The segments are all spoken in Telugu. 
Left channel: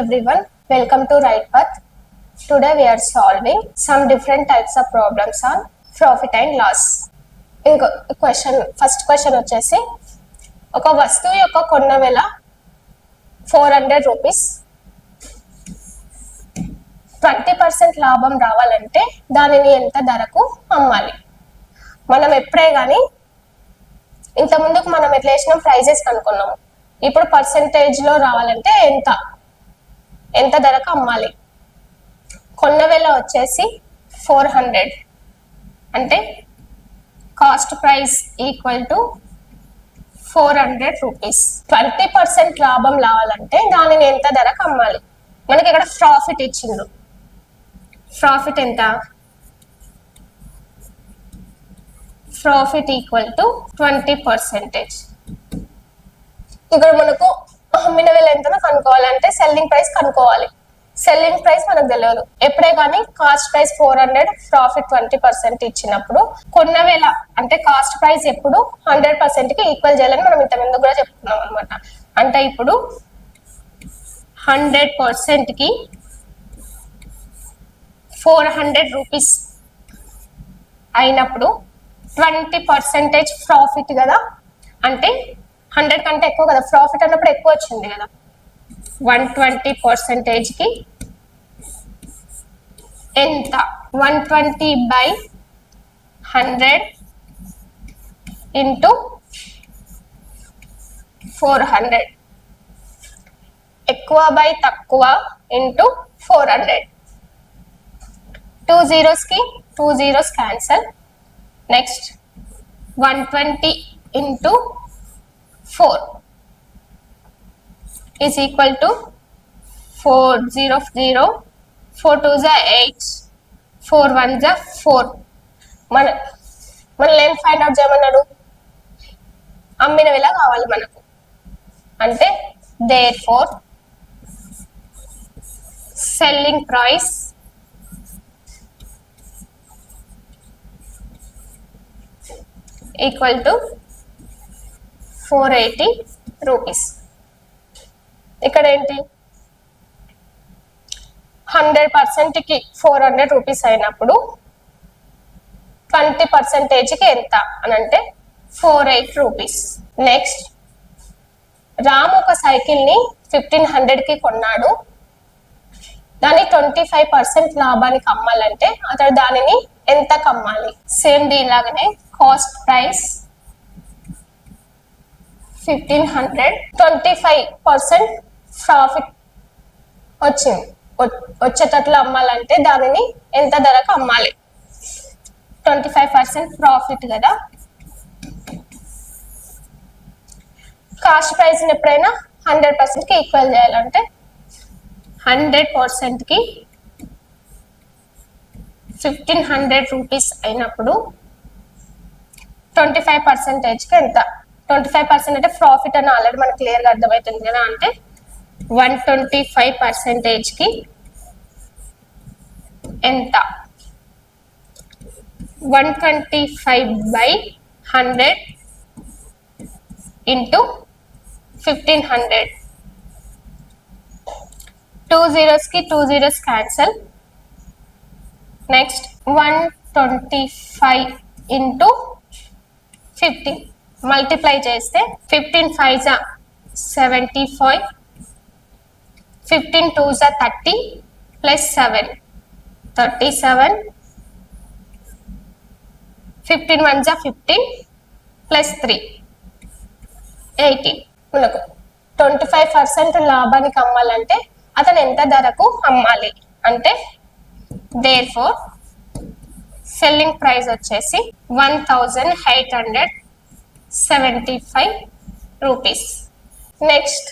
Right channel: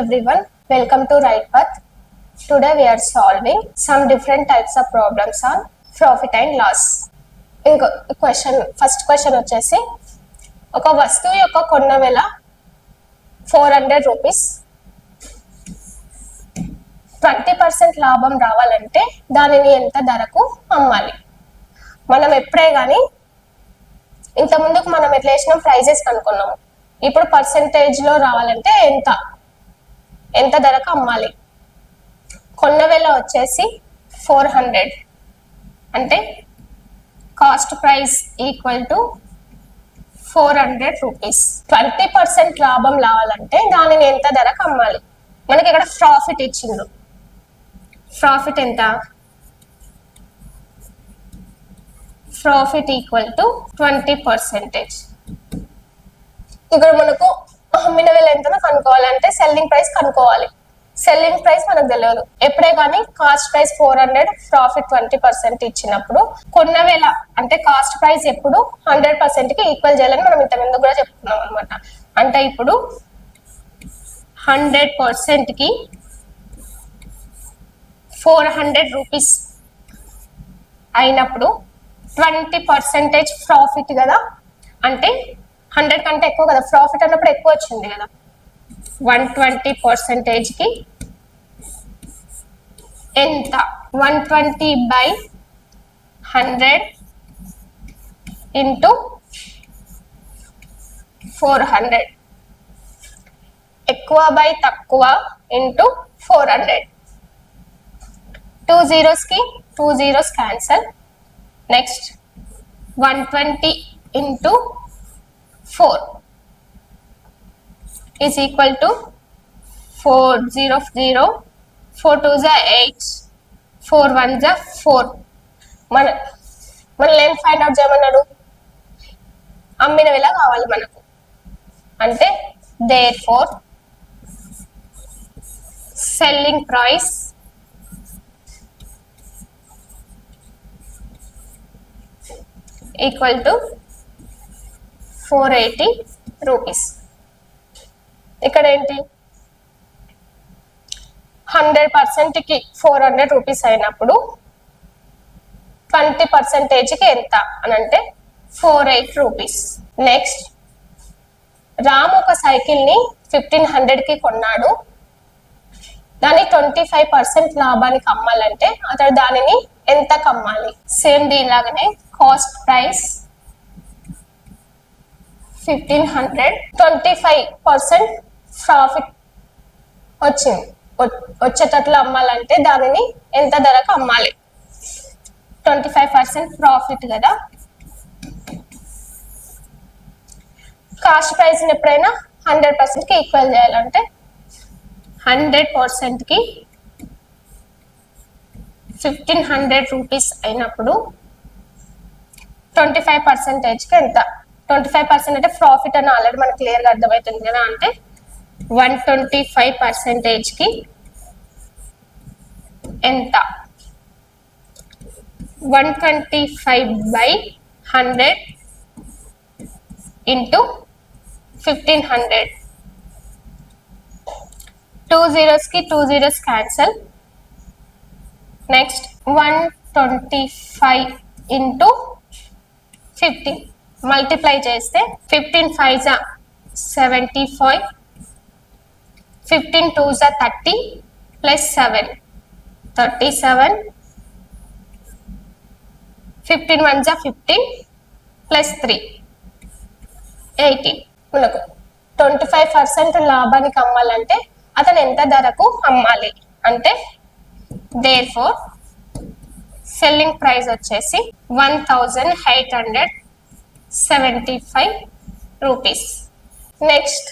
everyone, welcome to Right Path. Today we are solving some different types of problems on profit and loss. ఇంకో క్వశ్చన్ ఫస్ట్ క్వశ్చన్ వచ్చేసి ఒక వస్తువు యొక్క కొన్న వేల four hundred rupees twenty percent లాభం రావాలంటే దానిని ఎంత ధరకు అమ్మాలి? మనం ఎప్పుడే కానీ ఇంతకుముందుకు మనం ఎట్లా వేసిన ప్రైజెస్ కనుక్కున్నాము ఇప్పుడు పర్సెంటేజ్లో రావాలంటే ఎంత? ఎంత ధరకు అమ్మాలి? కొన్న వెల వచ్చేసి ఫోర్ హండ్రెడ్. అంటే cost price equal to four hundred rupees. Twenty percent లాభం రావాలంటే దానిని ఎంత ధరకు అమ్మాలి? మనకి ఇక్కడ ప్రాఫిట్ ఇచ్చింది. ప్రాఫిట్ ఎంత? Profit equal to twenty percentage. ఇక్కడ మనకు అమ్మిన వేల ఎంతనో కనుక్కోవాలంటే సెల్లింగ్ ప్రైస్ కనుక్కోవాలి. సెల్లింగ్ ప్రైస్ మనకు తెలియదు. ఎప్పుడే కానీ cost price four hundred profit twenty percent ఇచ్చినప్పుడు కొన్న వేల అంటే కాస్ట్ ప్రైస్ ఎప్పుడు హండ్రెడ్ పర్సెంట్కి ఈక్వల్ చేయాలని మనం ఇంతకుముందు కూడా చెప్తున్నాం అనమాట అంటే ఇప్పుడు హండ్రెడ్ పర్సెంట్కి ఫోర్ హండ్రెడ్ రూపీస్ అయినప్పుడు ట్వంటీ పర్సెంటేజ్ ప్రాఫిట్ కదా? అంటే హండ్రెడ్ కంటే ఎక్కువ కదా? ప్రాఫిట్ ఉన్నప్పుడు ఎక్కువ వచ్చింది కదా? వన్ ట్వంటీ పర్సెంటేజ్కి ఎంత? One twenty by hundred into four hundred ఎక్కువ బై తక్కువ into four hundred two జీరోస్కి two zeros cancel next one twenty into four is equal to 4 0 0 4 2 is 8 4 1 is 4 మన మన ఏం ఫైండ్ అవుట్ చేయమన్నాడు. అమ్మిన విల కావాలి మనకు. అంటే therefore selling price equal to four eighty rupees. ఇక్కడ ఏంటి హండ్రెడ్ పర్సెంట్కి ఫోర్ హండ్రెడ్ రూపీస్ అయినప్పుడు ట్వంటీ పర్సెంటేజ్కి ఎంత అని అంటే four eight rupees. Next Ram ఒక సైకిల్ని ఫిఫ్టీన్ హండ్రెడ్కి కొన్నాడు. దాన్ని ట్వంటీ ఫైవ్ పర్సెంట్ లాభానికి అమ్మాలంటే అతడు దానిని ఎంత కమ్మాలి? Same దీనిలాగానే cost price fifteen hundred twenty five percent profit వచ్చింది. వచ్చేటట్లు అమ్మాలంటే దానిని ఎంత ధరకు అమ్మాలి? ట్వంటీ ఫైవ్ పర్సెంట్ ప్రాఫిట్ కదా. కాస్ట్ ప్రైస్ ఎప్పుడైనా హండ్రెడ్ పర్సెంట్కి ఈక్వల్ చేయాలంటే హండ్రెడ్ పర్సెంట్కి ఫిఫ్టీన్ హండ్రెడ్ రూపీస్ అయినప్పుడు ట్వంటీ ఫైవ్ పర్సెంటేజ్కి ఎంత? ట్వంటీ ఫైవ్ పర్సెంట్ అంటే ప్రాఫిట్ అని ఆల్రెడీ మనకు క్లియర్గా అర్థమవుతుంది కదా అంటే వన్ ట్వంటీ ఫైవ్ పర్సెంటేజ్కి ఎంత? One twenty five by hundred into fifteen hundred two జీరోస్కి two zeros cancel next one twenty five into fifteen multiply చేస్తే ఫిఫ్టీన్ ఫైవ్ జా సెవెంటీ ఫైవ్ ఫిఫ్టీన్ టూ జా thirty plus seven thirty seven fifteen one జా ఫిఫ్టీన్ ప్లస్ త్రీ ఎయిటీ మనకు ట్వంటీ ఫైవ్ పర్సెంట్ లాభానికి అమ్మాలంటే అతను ఎంత ధరకు అమ్మాలి? అంటే దేర్ ఫోర్ సెల్లింగ్ ప్రైస్ వచ్చేసి one thousand eight hundred seventy five rupees next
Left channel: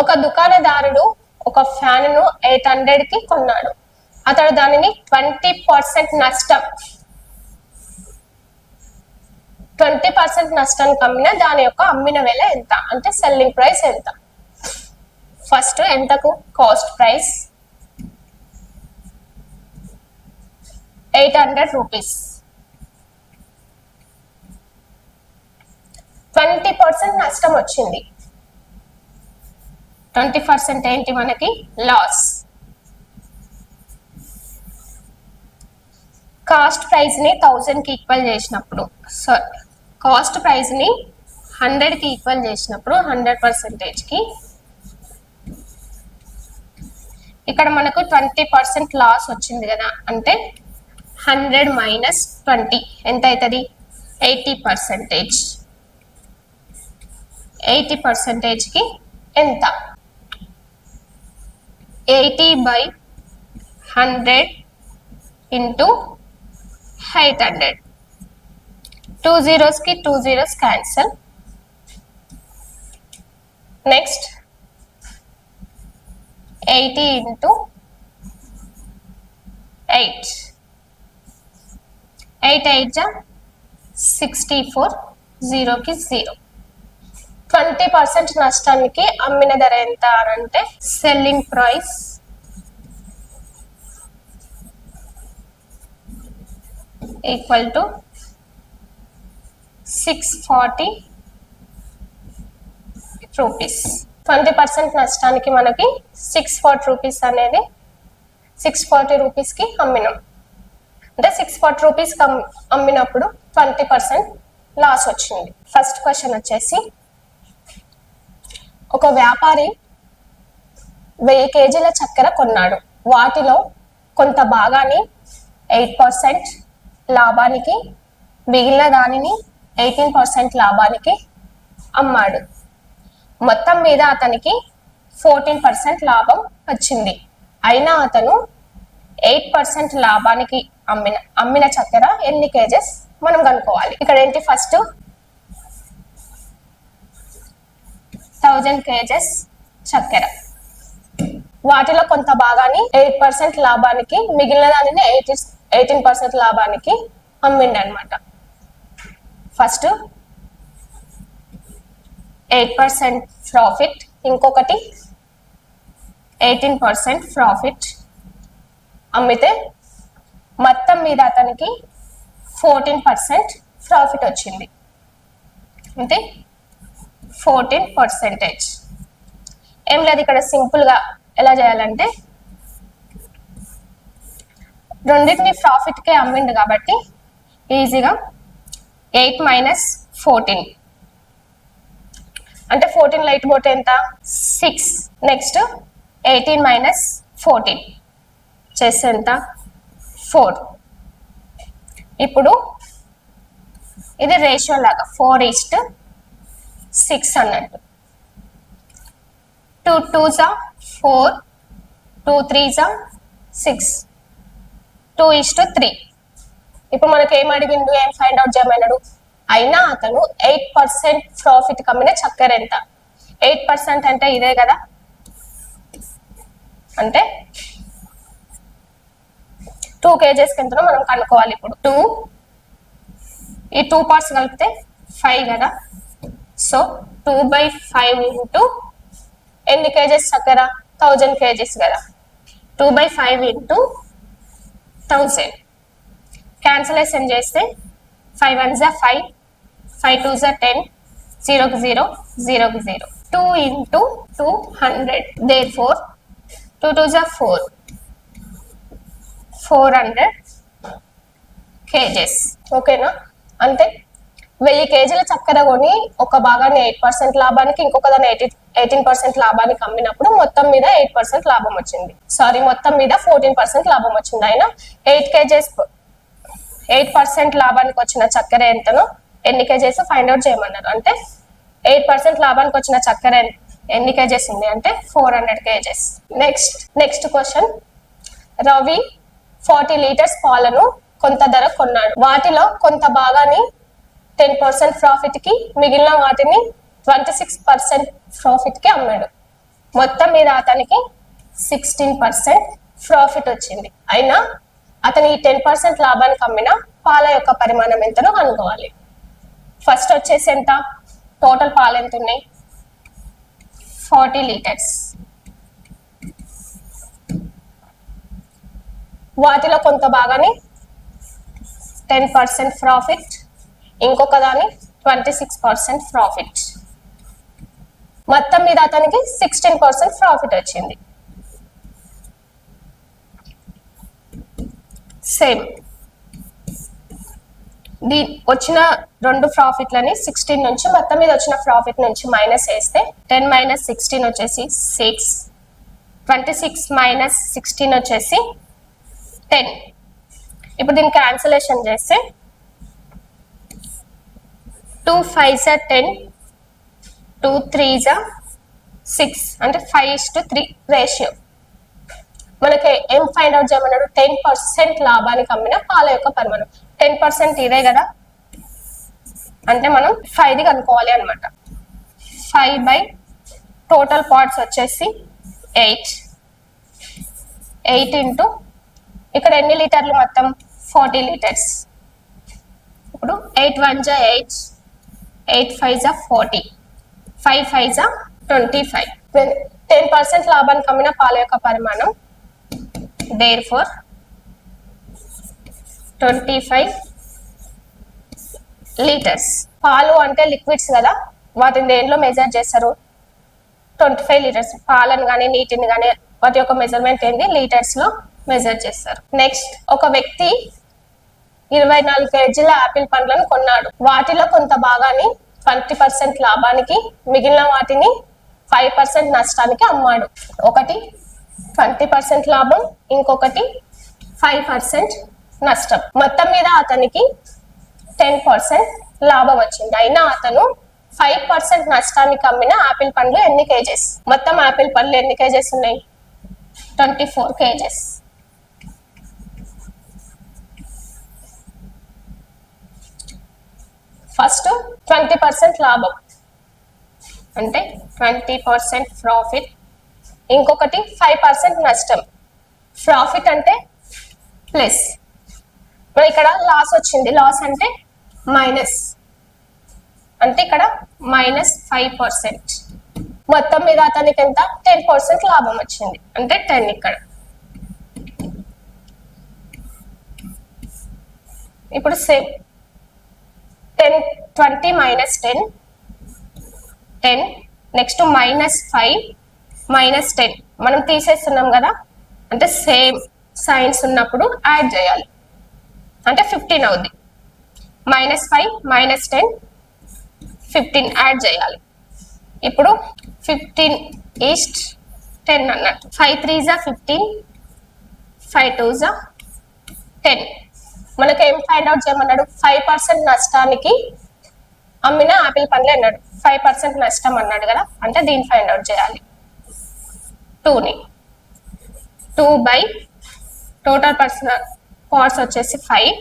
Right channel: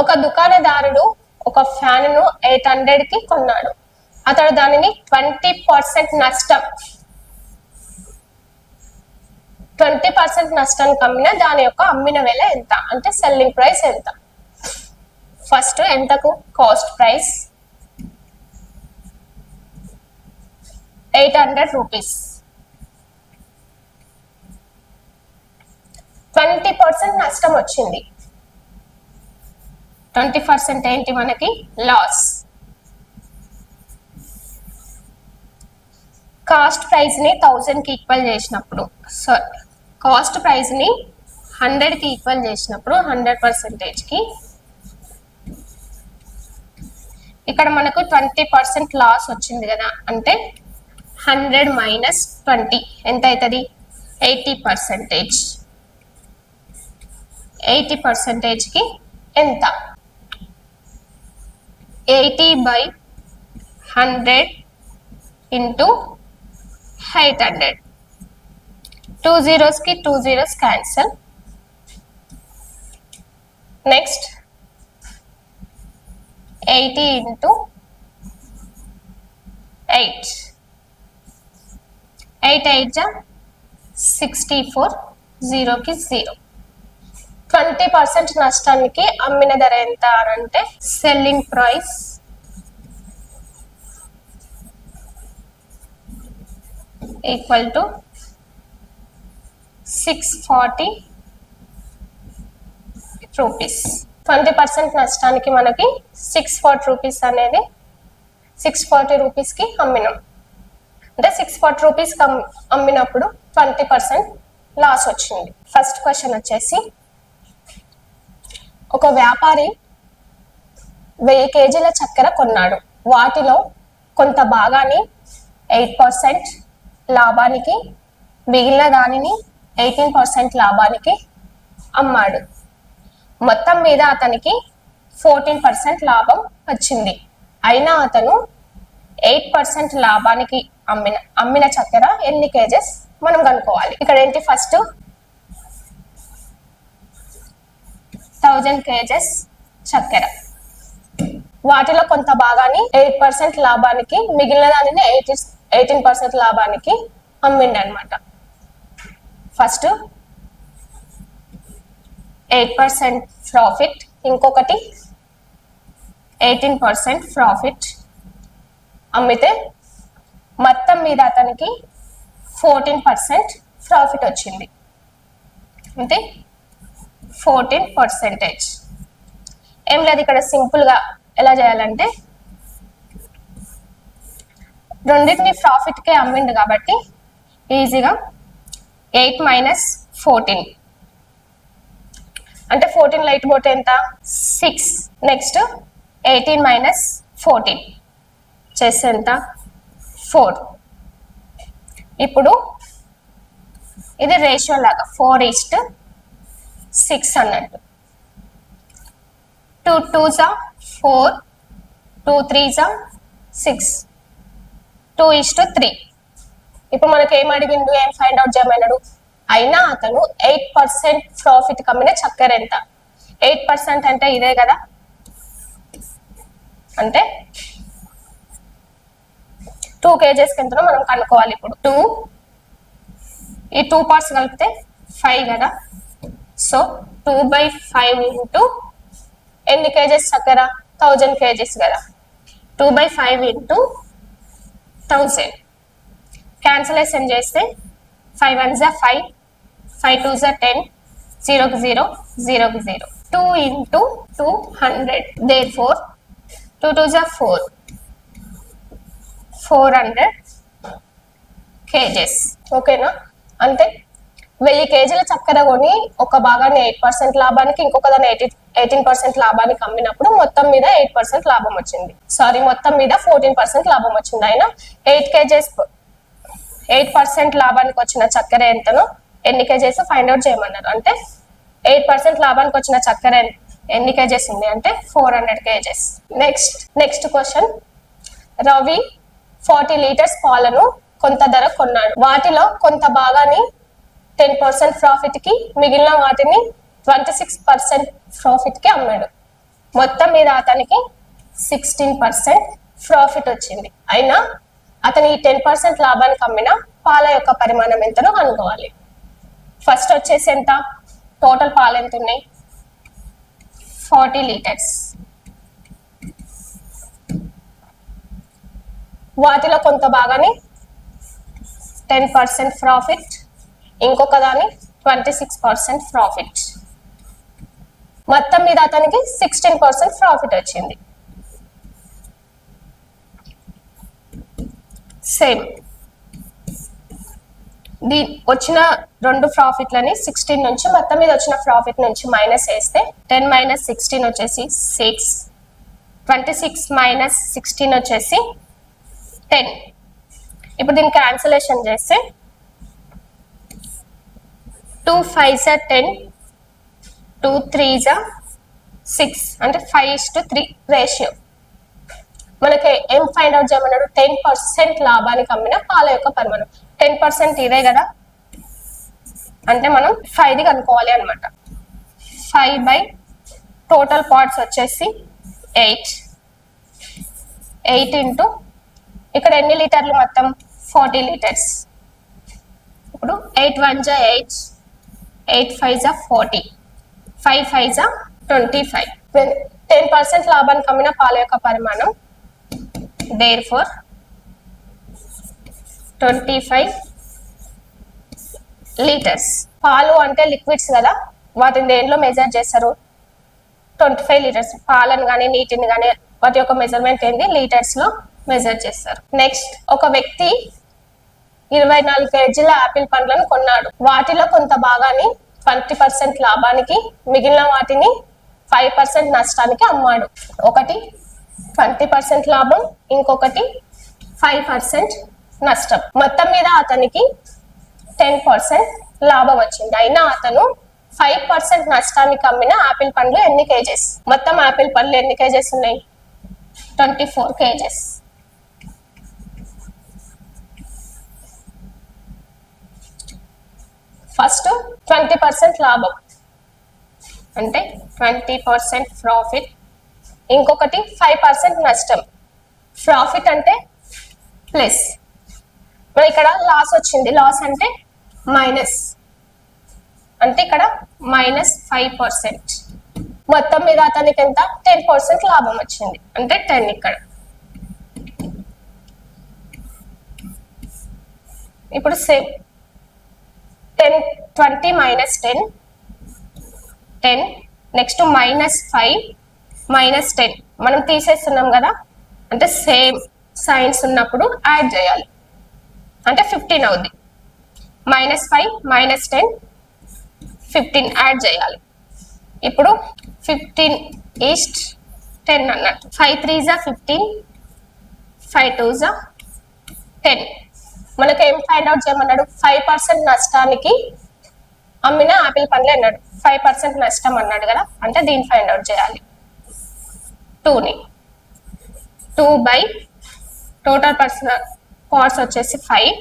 ఒక దుకాణదారుడు ఒక ఫ్యాన్ను ఎయిట్ హండ్రెడ్కి కొన్నాడు. అతడు దానిని ట్వంటీ పర్సెంట్ నష్టం ట్వంటీ పర్సెంట్ నష్టానికి అమ్మిన దాని యొక్క అమ్మిన వెల ఎంత? అంటే సెల్లింగ్ ప్రైస్ ఎంత? ఫస్ట్ ఎంతకు? Cost price eight hundred rupees twenty percent నష్టం వచ్చింది. ట్వంటీ పర్సెంట్ ఏంటి మనకి? లాస్ కాస్ట్ ప్రైస్ని థౌజండ్కి ఈక్వల్ చేసినప్పుడు. సారీ కాస్ట్ ప్రైస్ని హండ్రెడ్కి ఈక్వల్ చేసినప్పుడు హండ్రెడ్ పర్సెంటేజ్కి. ఇక్కడ మనకు ట్వంటీ పర్సెంట్ లాస్ వచ్చింది కదా అంటే హండ్రెడ్ మైనస్ ట్వంటీ ఎంత అవుతుంది? ఎయిటీ పర్సెంటేజ్ ఎయిటీ పర్సెంటేజ్కి ఎంత eighty by hundred into eight hundred two జీరోస్కి two zeros cancel next eighty into eight eight eight జా సిక్స్టీ ఫోర్ జీరోకి జీరో ట్వంటీ పర్సెంట్ నష్టానికి అమ్మిన ధర ఎంత అని అంటే selling price. Equal to six forty rupees twenty percent నష్టానికి మనకి సిక్స్ ఫార్టీ రూపీస్ అనేది సిక్స్ ఫార్టీ రూపీస్కి అమ్మినాం. అంటే సిక్స్ ఫార్టీ రూపీస్కి అమ్మినప్పుడు ట్వంటీ పర్సెంట్ లాస్ వచ్చింది. ఫస్ట్ క్వశ్చన్ వచ్చేసి ఒక వ్యాపారి వెయ్యి కేజీల చక్కెర కొన్నాడు. వాటిలో కొంత భాగాన్ని ఎయిట్ పర్సెంట్ లాభానికి మిగిలిన దానిని ఎయిటీన్ పర్సెంట్ లాభానికి అమ్మాడు. మొత్తం మీద అతనికి ఫోర్టీన్ పర్సెంట్ లాభం వచ్చింది. అయినా అతను ఎయిట్ పర్సెంట్ లాభానికి అమ్మిన అమ్మిన చక్కెర ఎన్ని కేజెస్ మనం కనుక్కోవాలి? ఇక్కడ ఏంటి ఫస్ట్ థౌజండ్ కేజెస్ చక్కెర. వాటిలో కొంత భాగాన్ని ఎయిట్ పర్సెంట్ లాభానికి మిగిలిన దానిని ఎయిటీ ఎయిటీన్ పర్సెంట్ లాభానికి అమ్మిండి అనమాట ఫస్ట్ ఎయిట్ పర్సెంట్ ప్రాఫిట్ ఇంకొకటి ఎయిటీన్ పర్సెంట్ ప్రాఫిట్ అమ్మితే మొత్తం మీద అతనికి ఫోర్టీన్ పర్సెంట్ ప్రాఫిట్ వచ్చింది. అంటే ఫోర్టీన్ పర్సెంటేజ్. ఏం లేదు ఇక్కడ సింపుల్గా ఎలా చేయాలంటే రెండింటిని ప్రాఫిట్కే అమ్మిండు కాబట్టి ఈజీగా ఎయిట్ మైనస్ ఫోర్టీన్. అంటే ఫోర్టీన్ ఎయిట్ పోతే ఎంత? Six. Next eighteen minus fourteen. చేస్తే ఎంత? ఫోర్. ఇప్పుడు ఇది రేషియో లాగా ఫోర్ ఈస్ట్ సిక్స్ అన్నట్టు టూ టూ జా ఫోర్ టూ త్రీ జా six two is to three ఇప్పుడు మనకి ఏం అడిగిండు ఏం ఫైండ్ అవుట్ చేయమన్నాడు? అయినా అతను ఎయిట్ పర్సెంట్ ప్రాఫిట్ కమ్మిన చక్కెర ఎంత ఎయిట్ పర్సెంట్ అంటే ఇదే కదా? అంటే టూ కేజెస్ ఎంతనో మనం కనుక్కోవాలి ఇప్పుడు. టూ ఈ టూ పార్ట్స్ కలిపితే ఫైవ్ కదా? So two by five into ఎన్ని కేజెస్ చక్కెర థౌజండ్ కేజెస్ కదా. Two by five into thousand cancellation చేస్తే ఫైవ్ వన్ జా ఫైవ్ ఫైవ్ టూ జా టెన్ జీరోకి జీరో జీరోకి zero two into two hundred therefore two two జా ఫోర్ ఫోర్ హండ్రెడ్ కేజెస్ ఓకేనా అంతే? వెయ్యి కేజీల చక్కెర కొని ఒక భాగాన్ని ఎయిట్ పర్సెంట్ లాభానికి ఇంకొక దాన్ని ఎయిటీ ఎయిటీన్ పర్సెంట్ లాభానికి అమ్మినప్పుడు మొత్తం మీద ఎయిట్ పర్సెంట్ లాభం వచ్చింది. సారీ మొత్తం మీద ఫోర్టీన్ పర్సెంట్ లాభం వచ్చింది. ఆయన ఎయిట్ కేజీస్ ఎయిట్ పర్సెంట్ లాభానికి వచ్చిన చక్కెర ఎంతనో ఎన్ని కేజీస్ ఫైండ్ అవుట్ చేయమన్నారు. అంటే ఎయిట్ పర్సెంట్ లాభానికి వచ్చిన చక్కెర ఎన్ని కేజెస్ ఉంది అంటే four hundred kgs. Next next question Ravi forty litres పాలను కొంత ధర కొన్నాడు. వాటిలో కొంత భాగాన్ని టెన్ పర్సెంట్ ప్రాఫిట్కి మిగిలిన వాటిని ట్వంటీ సిక్స్ పర్సెంట్ ప్రాఫిట్కి అమ్మాడు. మొత్తం మీద అతనికి సిక్స్టీన్ పర్సెంట్ ప్రాఫిట్ వచ్చింది. అయినా అతను ఈ టెన్ పర్సెంట్ లాభానికి అమ్మిన పాల యొక్క పరిమాణం ఎంతనో కనుక్కోవాలి. ఫస్ట్ వచ్చేసి ఎంత? టోటల్ పాలు ఎంత ఉన్నాయి? ఫార్టీ లీటర్స్ వాటిలో కొంత భాగాన్ని టెన్ పర్సెంట్ ప్రాఫిట్ ఇంకొక దాని ట్వంటీ సిక్స్ పర్సెంట్ ప్రాఫిట్ మొత్తం మీద అతనికి సిక్స్టీన్ పర్సెంట్ ప్రాఫిట్ వచ్చింది. సేమ్ దీ వచ్చిన రెండు ప్రాఫిట్లని సిక్స్టీన్ నుంచి మొత్తం మీద వచ్చిన ప్రాఫిట్ నుంచి మైనస్ వేస్తే టెన్ మైనస్ సిక్స్టీన్ వచ్చేసి six twenty six minus sixteen వచ్చేసి టెన్ ఇప్పుడు దీన్ని క్యాన్సిలేషన్ చేస్తే టూ ఫైవ్ జా టెన్ టూ త్రీ జా సిక్స్. అంటే five is to three ratio. మనకి ఏం ఫైండ్ అవుట్ చేయమన్నాడు? టెన్ పర్సెంట్ లాభానికి అమ్మిన పాల యొక్క పరిమాణం. టెన్ పర్సెంట్ ఇదే కదా? అంటే మనం ఫైవ్ది కనుక్కోవాలి అనమాట ఫైవ్ బై టోటల్ పార్ట్స్ వచ్చేసి ఎయిట్. ఎయిట్ ఇంటూ ఇక్కడ ఎన్ని లీటర్లు మొత్తం? Forty litres. ఇప్పుడు ఎయిట్ వన్ జా ఎయిట్. ఎయిట్ ఫైవ్ జా ఫోర్టీ ఫైవ్ ఫైవ్ జా ట్వంటీ ఫైవ్ టెన్ పర్సెంట్ లాభానికి అమ్మిన పాల యొక్క పరిమాణం therefore twenty five litres పాలు అంటే లిక్విడ్స్ కదా వాటిని దేంట్లో మెజర్ చేస్తారు? ట్వంటీ ఫైవ్ లీటర్స్ పాలను కానీ నీటిని కానీ వాటి యొక్క మెజర్మెంట్ ఏంటి లీటర్స్లో మెజర్ చేస్తారు. నెక్స్ట్ ఒక వ్యక్తి ఇరవై నాలుగు కేజీల యాపిల్ పండ్లను కొన్నాడు. వాటిలో కొంత భాగాన్ని ట్వంటీ పర్సెంట్ లాభానికి మిగిలిన వాటిని ఫైవ్ పర్సెంట్ నష్టానికి అమ్మాడు. ఒకటి ట్వంటీ పర్సెంట్ లాభం ఇంకొకటి ఫైవ్ పర్సెంట్ నష్టం. మొత్తం మీద అతనికి టెన్ పర్సెంట్ లాభం వచ్చింది. అయినా అతను ఫైవ్ పర్సెంట్ నష్టానికి అమ్మిన ఆపిల్ పండ్లు ఎన్ని కేజెస్? మొత్తం ఆపిల్ పండ్లు ఎన్ని కేజెస్ ఉన్నాయి? Twenty four kgs. First twenty percent లాభం. అంటే ట్వంటీ పర్సెంట్ ప్రాఫిట్ ఇంకొకటి ఫైవ్ పర్సెంట్ నష్టం. ప్రాఫిట్ అంటే ప్లస్ ఇక్కడ లాస్ వచ్చింది. లాస్ అంటే మైనస్ అంటే ఇక్కడ మైనస్ ఫైవ్ పర్సెంట్ మొత్తం మీద అతనికి ఎంత? టెన్ పర్సెంట్ లాభం వచ్చింది. అంటే టెన్ ఇక్కడ. ఇప్పుడు same ten twenty minus ten ten next minus five minus ten మనం తీసేస్తున్నాం కదా? అంటే సేమ్ సైన్స్ ఉన్నప్పుడు యాడ్ చేయాలి. అంటే ఫిఫ్టీన్ అవుద్ది. Minus five minus ten fifteen add చేయాలి. ఇప్పుడు ఫిఫ్టీన్ ఈస్ట్ టెన్ అన్నట్టు. ఫైవ్ త్రీ జా ఫిఫ్టీన్ ఫైవ్ టూ జా టెన్ మనకి ఏం ఫైండ్ అవుట్ చేయమన్నాడు? ఫైవ్ పర్సెంట్ నష్టానికి అమ్మిన ఆపిల్ పండ్లు అన్నాడు. ఫైవ్ పర్సెంట్ నష్టం అన్నాడు కదా? అంటే దీన్ని ఫైండ్ అవుట్ చేయాలి. టూని two by total personal cost వచ్చేసి five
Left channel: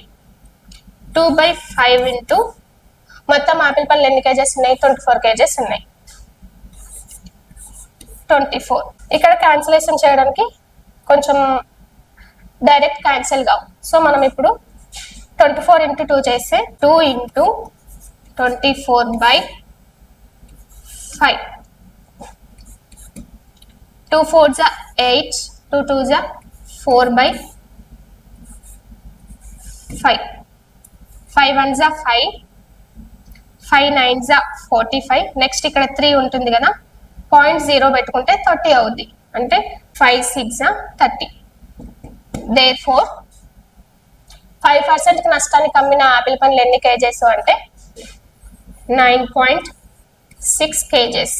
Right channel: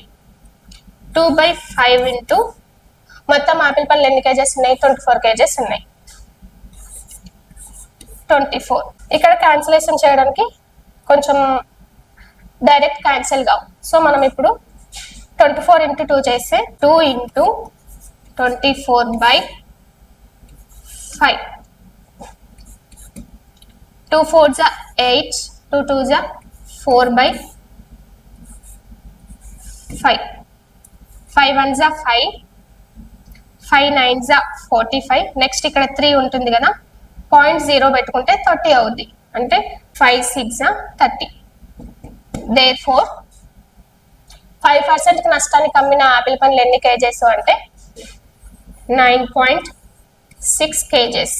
two by five into మొత్తం ఆపిల్ పళ్ళు ఎన్ని కేజెస్ ఉన్నాయి? ట్వంటీ ఫోర్ కేజెస్ ఉన్నాయి. ట్వంటీ ఫోర్ ఇక్కడ క్యాన్సిలేషన్ చేయడానికి కొంచెం డైరెక్ట్ క్యాన్సిల్ కావు. సో మనం ఇప్పుడు ట్వంటీ ఫోర్ ఇంటూ టూ చేస్తే two into twenty four by five. Two four జా ఎయిట్ టూ టూ జా four by five. Five one జా ఫైవ్ ఫైవ్ నైన్ జా ఫార్టీ ఫైవ్. నెక్స్ట్ ఇక్కడ త్రీ ఉంటుంది కదా పాయింట్ జీరో పెట్టుకుంటే థర్టీ అవుద్ది. అంటే five six thirty. They four five percent నష్టానికి అమ్మిన ఆపిల్ పండ్లు ఎన్ని కేజెస్ అంటే నైన్ పాయింట్ సిక్స్ కేజెస్.